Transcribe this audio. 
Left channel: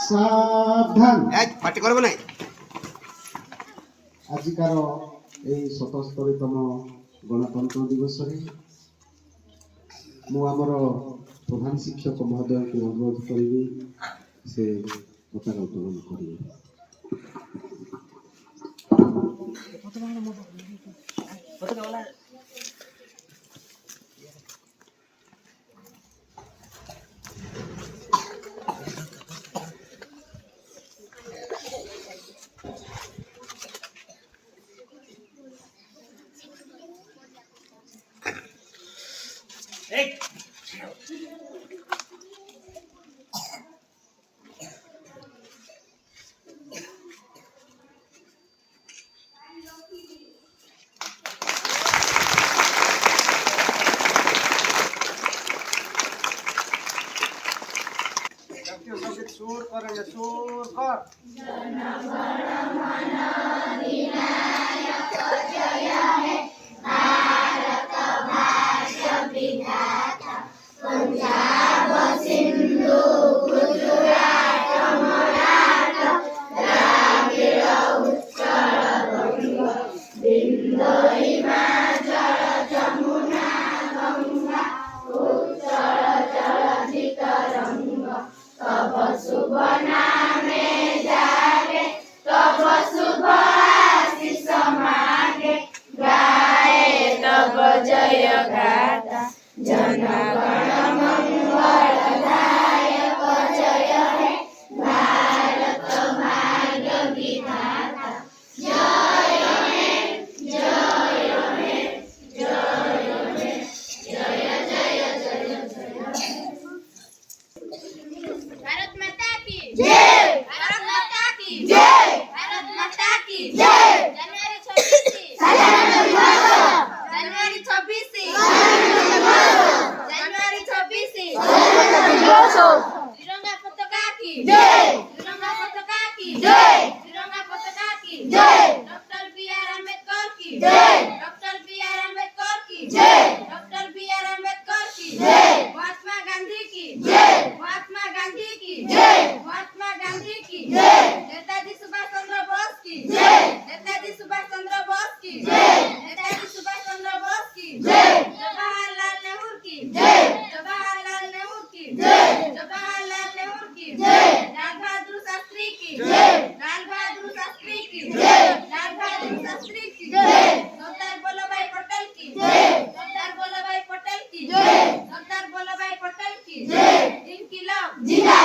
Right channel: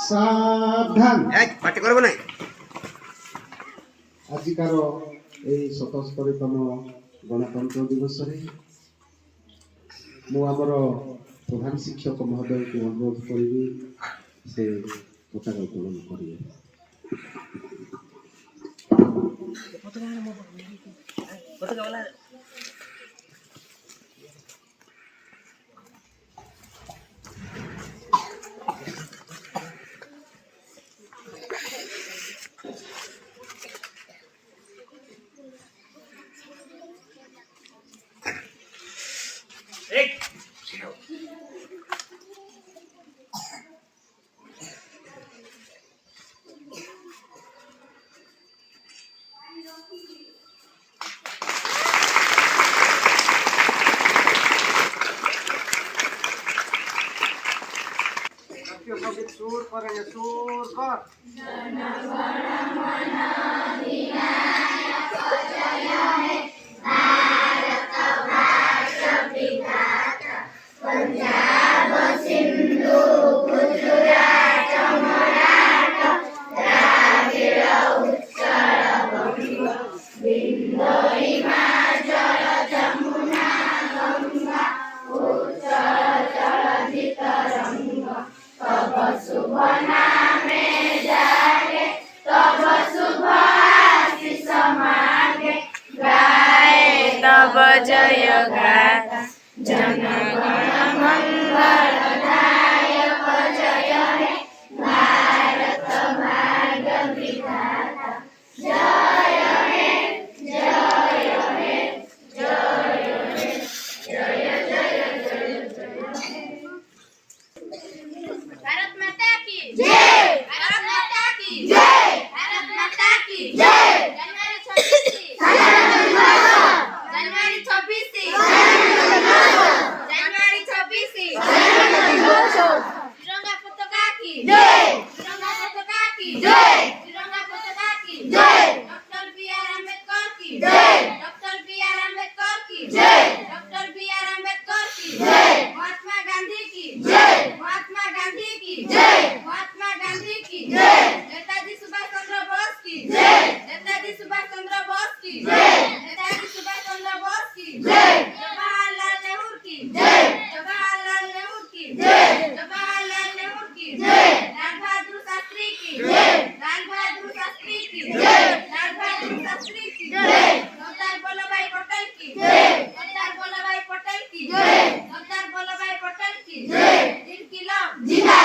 सावधान पार्टी करबो नै आजिकार এই 77তম गणतंत्र दिवस रे मु आमर प्रधान शिक्षक महोदय को अनुरोध करी से पताका उत्तोलन करिए। सुर करेंगे सुर कर जय गाथा जन गण मंगलदायक जय हे भारत भाग्य विधाता जय हे जय हे जय हे जय जय जय जय भारत माता की जय भारत माता की जय भारत माता की जय जनवरी 26 तिरंगा पताका की जय तिरंगा पताका की जय तिरंगा पताका की जय डॉक्टर बी.आर. अम्बेडकर की जय डॉक्टर बी.आर. अम्बेडकर की जय डॉक्टर बी.आर. अम्बेडकर की जय महात्मा गांधी की जय महात्मा गांधी की जय महात्मा गांधी की जय नेताजी सुभाष चंद्र बोस की जय नेताजी सुभाष चंद्र बोस की जय नेताजी सुभाष चंद्र बोस की जय जवाहरलाल नेहरू की जय जवाहरलाल नेहरू की जय जवाहरलाल नेहरू की जय लाल बहादुर शास्त्री की जय लाल बहादुर शास्त्री की जय लाल बहादुर शास्त्री की जय सरदार वल्लभभाई पटेल की जय सरदार वल्लभभाई पटेल की जय सरदार वल्लभभाई पटेल की जय इनकलाब जिंदाबाद।